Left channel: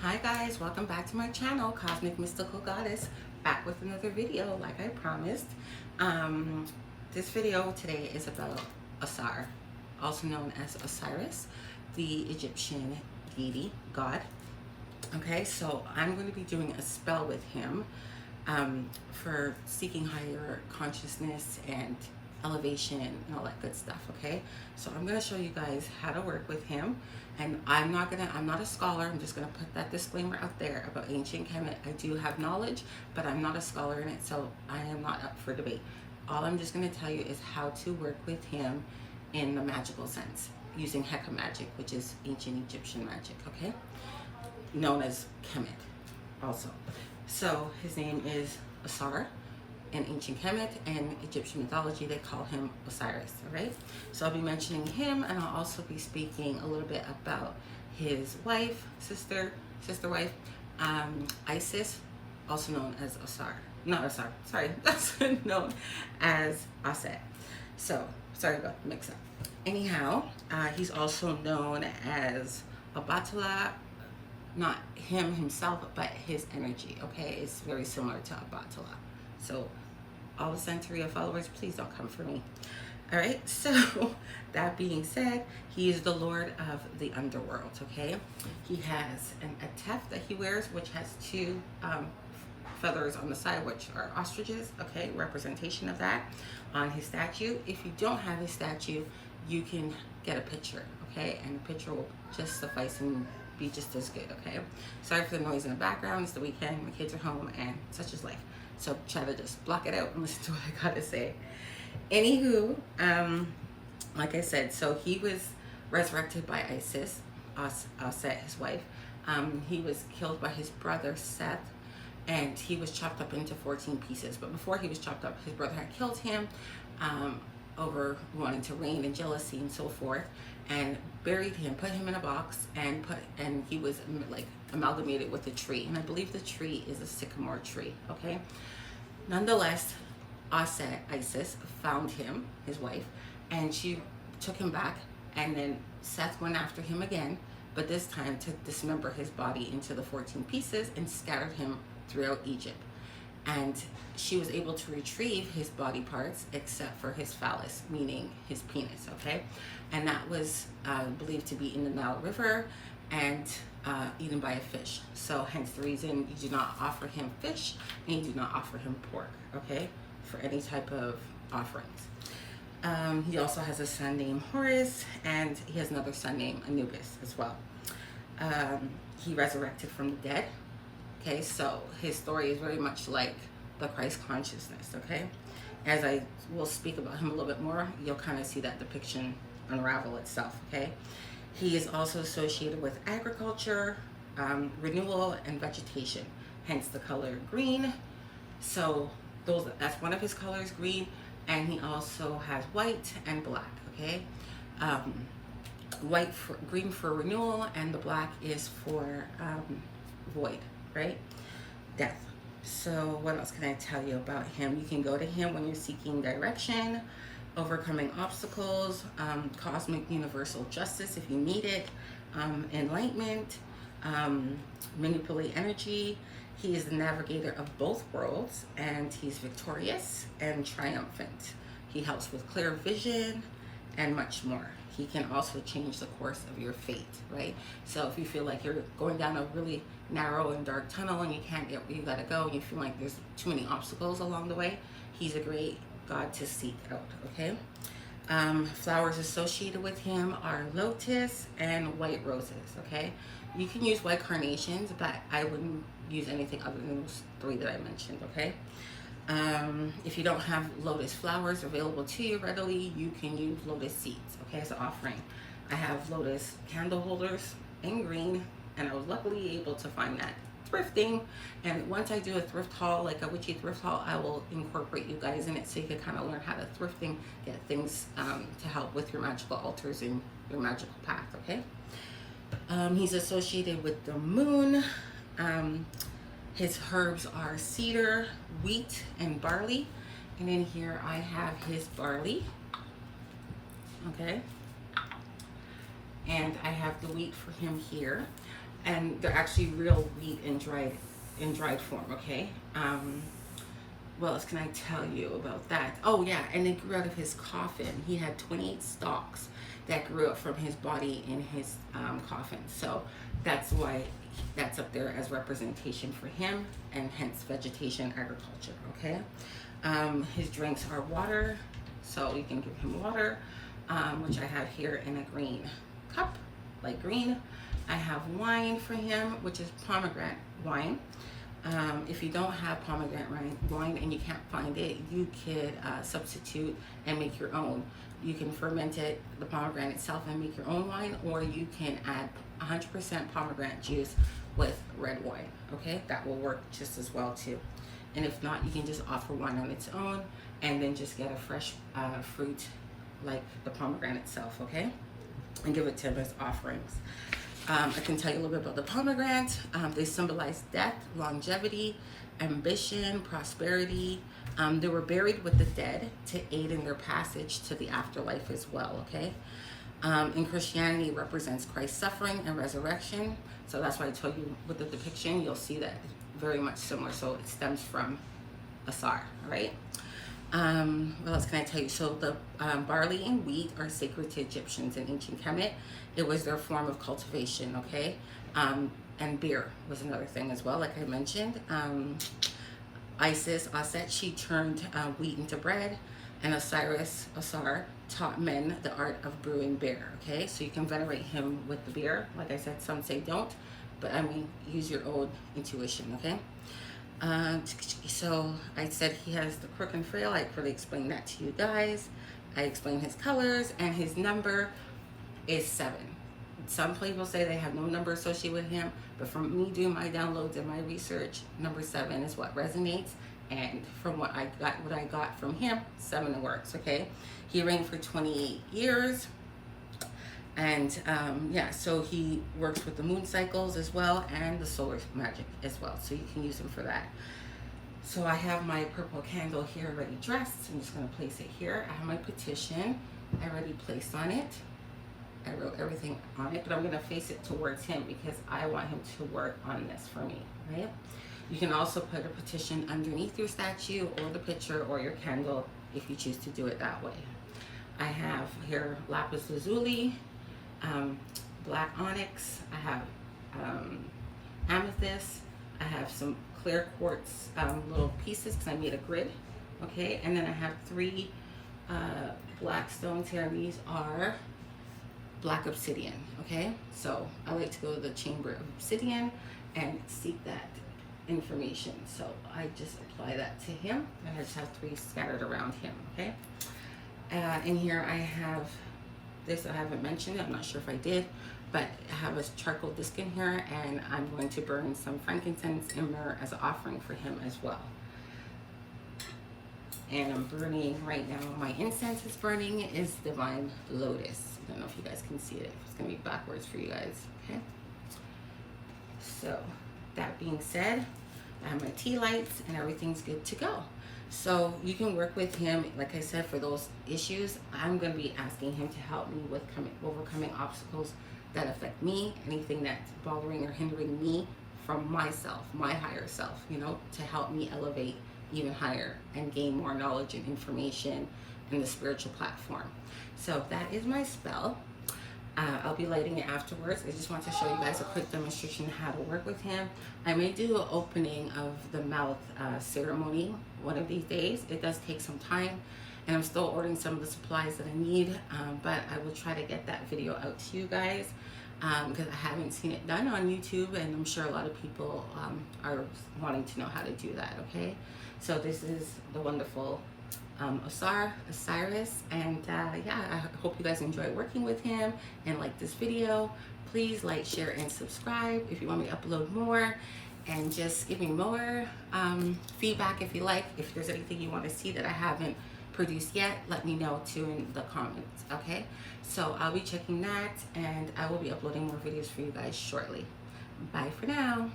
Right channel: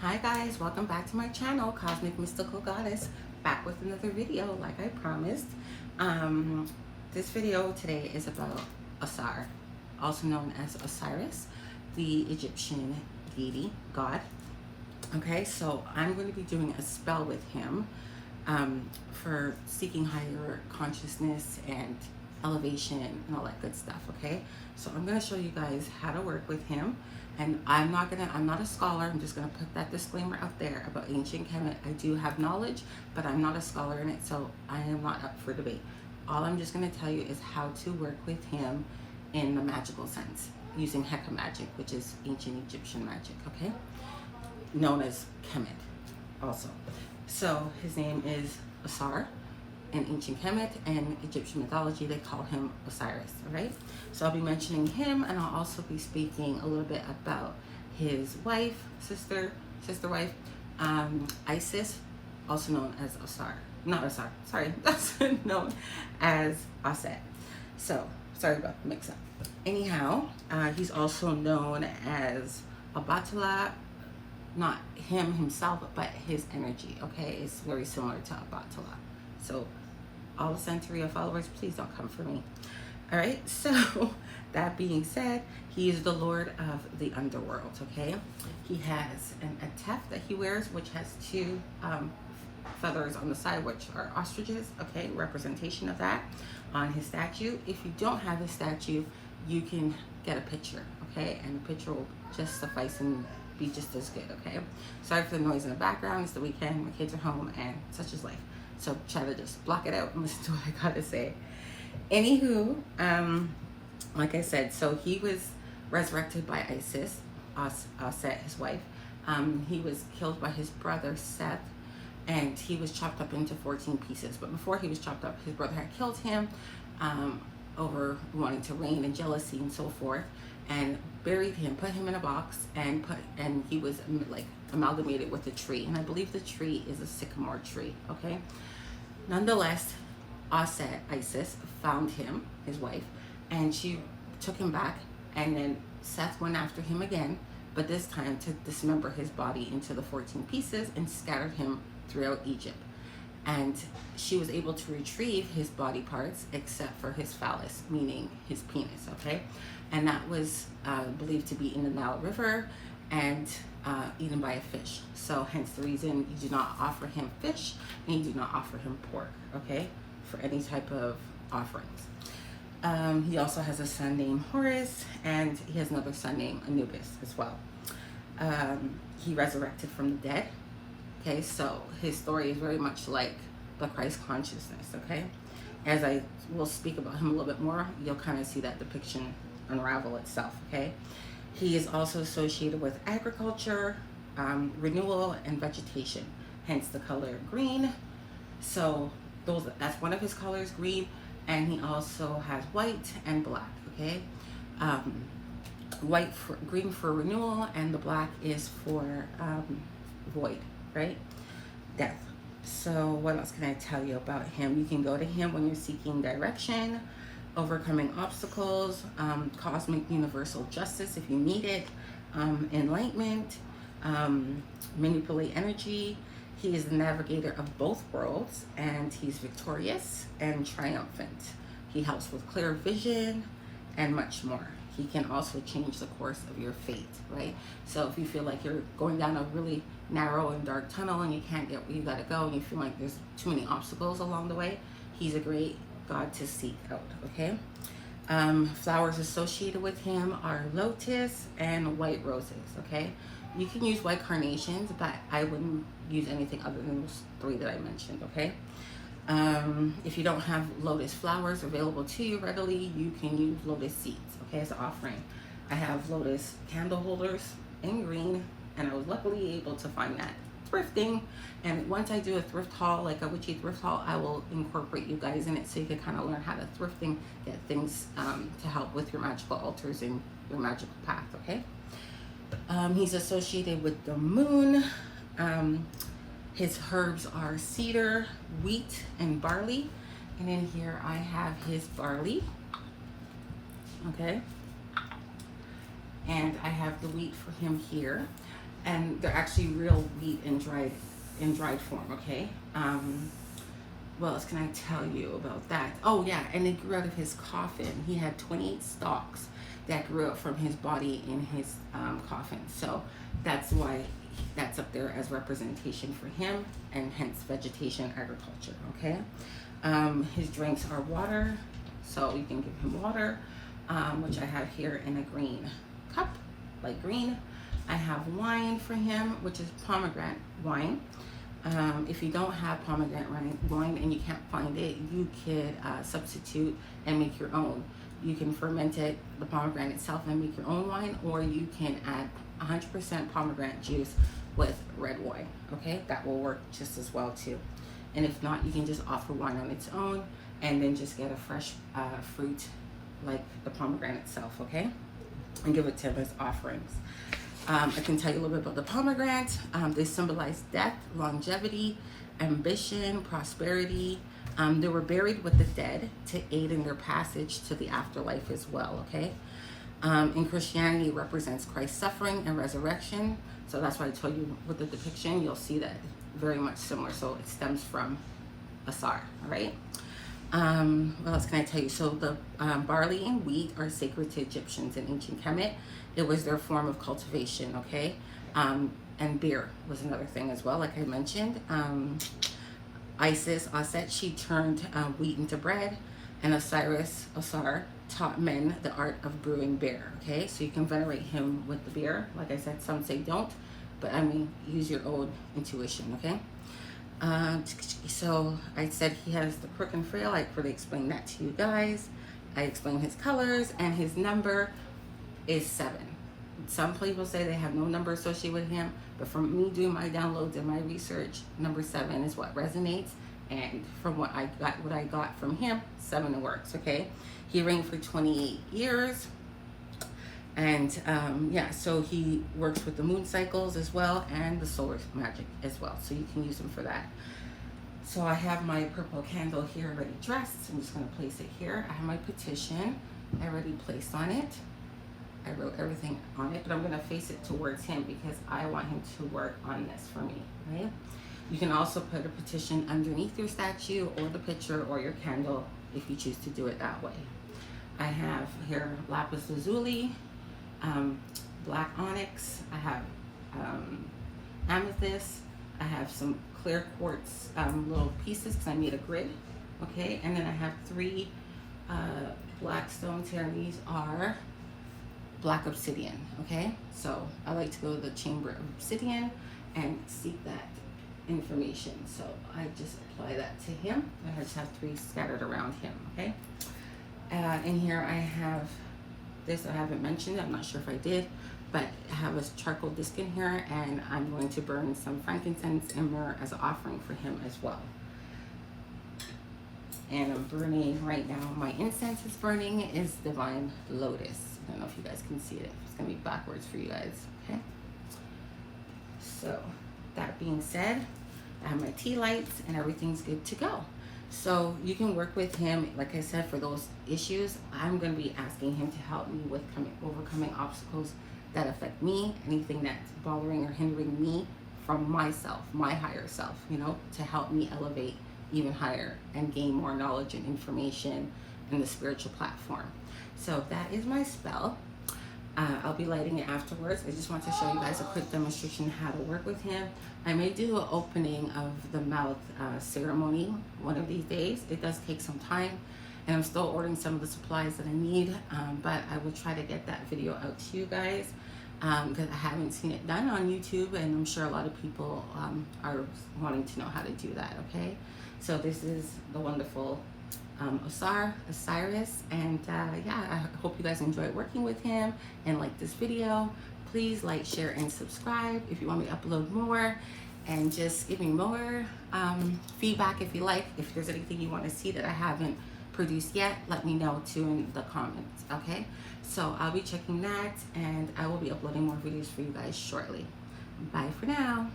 Hi guys, welcome back to my channel, Cosmic Mystical Goddess, back with another video like I promised. This video today is about Asar, also known as Osiris, the Egyptian deity, god. Okay, so I'm going to be doing a spell with him for seeking higher consciousness and elevation and all that good stuff. Okay, so I'm going to show you guys how to work with him, and I'm not a scholar. I'm just going to put that disclaimer out there about ancient Kemet. I do have knowledge, but I'm not a scholar in it, so I am not up for debate. All I'm just going to tell you is how to work with him in the magical sense using Heka magic, which is ancient Egyptian magic. Okay, known as Kemet also. So his name is Asar. In ancient Kemet and Egyptian mythology, they call him Osiris, right? So I'll be mentioning him, and I'll also be speaking a little bit about his wife, sister wife, Isis, also known as Ausar. Not Asar, sorry, that's known as Aset. So, sorry about the mix-up. Anyhow, he's also known as Abatala, not him himself, but his energy, okay? It's very similar to Abatala. So all the Centuria followers, please don't come for me. All right, so that being said, he is the lord of the underworld, okay? He has a tuft that he wears, which has two feathers on the side, which are ostriches, okay? Representation of that on his statue. If you don't have his statue, you can get a picture, okay? And the picture will just suffice and be just as good, okay? Sorry for the noise in the background. It's the weekend, my kids are home, and such is life. So try to just block it out and listen to what I gotta say. Anywho, like I said, so he was resurrected by Isis, Set, his wife. He was killed by his brother Seth, and he was chopped up into 14 pieces. But before he was chopped up, his brother had killed him over wanting to reign and jealousy and so forth, and buried him, put him in a box, and he was like amalgamated with a tree, and I believe the tree is a sycamore tree. Okay, nonetheless, Isis found him, his wife, and she took him back, and then Seth went after him again, but this time to dismember his body into the 14 pieces and scattered him throughout Egypt. And she was able to retrieve his body parts except for his phallus, meaning his penis, okay? And that was believed to be in the Nile River and eaten by a fish. So hence the reason you do not offer him fish and you do not offer him pork, okay? For any type of offerings. He also has a son named Horus, and he has another son named Anubis as well. He resurrected from the dead. Okay, so his story is very much like the Christ consciousness, okay? As I will speak about him a little bit more, you'll kind of see that depiction unravel itself, okay? He is also associated with agriculture, renewal, and vegetation, hence the color green. So that's one of his colors, green, and he also has white and black, okay? Green for renewal, and the black is for void, right? Death. So what else can I tell you about him? You can go to him when you're seeking direction, overcoming obstacles, cosmic universal justice if you need it, enlightenment, manipulate energy. He is the navigator of both worlds, and he's victorious and triumphant. He helps with clear vision and much more. He can also change the course of your fate, right? So if you feel like you're going down a really narrow and dark tunnel and you can't get where you gotta go, and you feel like there's too many obstacles along the way, he's a great god to seek out, okay? Flowers associated with him are lotus and white roses, okay? You can use white carnations, but I wouldn't use anything other than those three that I mentioned, okay? If you don't have lotus flowers available to you readily, you can use lotus seeds, okay, as an offering. I have lotus candle holders in green, and I was luckily able to find that thrifting. And once I do a thrift haul, like a witchy thrift haul, I will incorporate you guys in it so you can kind of learn how to thrifting, get things to help with your magical altars and your magical path, okay? He's associated with the moon. His herbs are cedar, wheat, and barley. And then here I have his barley, okay? And I have the wheat for him here. and they're actually real wheat in dried form. Okay. What else can I tell you about that? Oh yeah, and it grew out of his coffin. He had 28 stalks that grew up from his body in his coffin. So that's why that's up there as representation for him, and hence vegetation agriculture. Okay. His drinks are water, so you can give him water, which I have here in a green cup, like green. I have wine for him, which is pomegranate wine. If you don't have pomegranate wine and you can't find it, you could substitute and make your own. You can ferment it, the pomegranate itself, and make your own wine, or you can add 100% pomegranate juice with red wine. Okay, that will work just as well too. And if not, you can just offer wine on its own and then just get a fresh fruit like the pomegranate itself. Okay, and give it to him as offerings. I can tell you a little bit about the pomegranate. They symbolize death, longevity, ambition, prosperity. They were buried with the dead to aid in their passage to the afterlife as well, okay? In Christianity, it represents Christ's suffering and resurrection. So that's why I told you with the depiction, you'll see that very much similar. So it stems from Asar, all right? What else can I tell you? So the barley and wheat are sacred to Egyptians in ancient Kemet. It was their form of cultivation, okay? And beer was another thing as well, like I mentioned. Isis, Aset, she turned wheat into bread, and Osiris, Asar, taught men the art of brewing beer, okay? So you can venerate him with the beer. Like I said, some say don't, but I mean, use your own intuition, okay? So I said he has the crook and frail. I already explained that to you guys. I explained his colors, and his number is 7. Some people say they have no number associated with him, but from me doing my downloads and my research, number 7 is what resonates. And from what I got from him, 7 works. Okay, he reigned for 28 years, and yeah, so he works with the moon cycles as well and the solar magic as well. So you can use him for that. So I have my purple candle here already dressed. I'm just going to place it here. I have my petition already placed on it. I wrote everything on it, but I'm going to face it towards him because I want him to work on this for me, right? You can also put a petition underneath your statue or the picture or your candle if you choose to do it that way. I have here lapis lazuli, black onyx, I have amethyst, I have some clear quartz little pieces because I made a grid, okay? And then I have 3 black stones here, and these are black obsidian, okay? So I like to go to the chamber of obsidian and seek that information. So I just apply that to him, and I just have 3 scattered around him, okay? In here I have this, I haven't mentioned it, I'm not sure if I did, but I have a charcoal disc in here, and I'm going to burn some frankincense and myrrh as an offering for him as well. And I'm burning right now, my incense is burning is divine lotus. I don't know if you guys can see it. It's gonna be backwards for you guys, okay? So that being said, I have my tea lights and everything's good to go. So you can work with him, like I said, for those issues. I'm gonna be asking him to help me with overcoming obstacles that affect me, anything that's bothering or hindering me from myself, my higher self, you know, to help me elevate even higher and gain more knowledge and information in the spiritual platform. So that is my spell. I'll be lighting it afterwards. I just want to show you guys a quick demonstration of how to work with him. I may do an opening of the mouth ceremony one of these days. It does take some time, and I'm still ordering some of the supplies that I need, but I will try to get that video out to you guys because I haven't seen it done on YouTube, and I'm sure a lot of people are wanting to know how to do that, okay? So this is the wonderful Osiris, and yeah, I hope you guys enjoy working with him and like this video. Please like, share, and subscribe if you want me to upload more, and just give me more feedback if you like. If there's anything you want to see that I haven't produced yet, let me know too in the comments, okay? So I'll be checking that, and I will be uploading more videos for you guys shortly. Bye for now.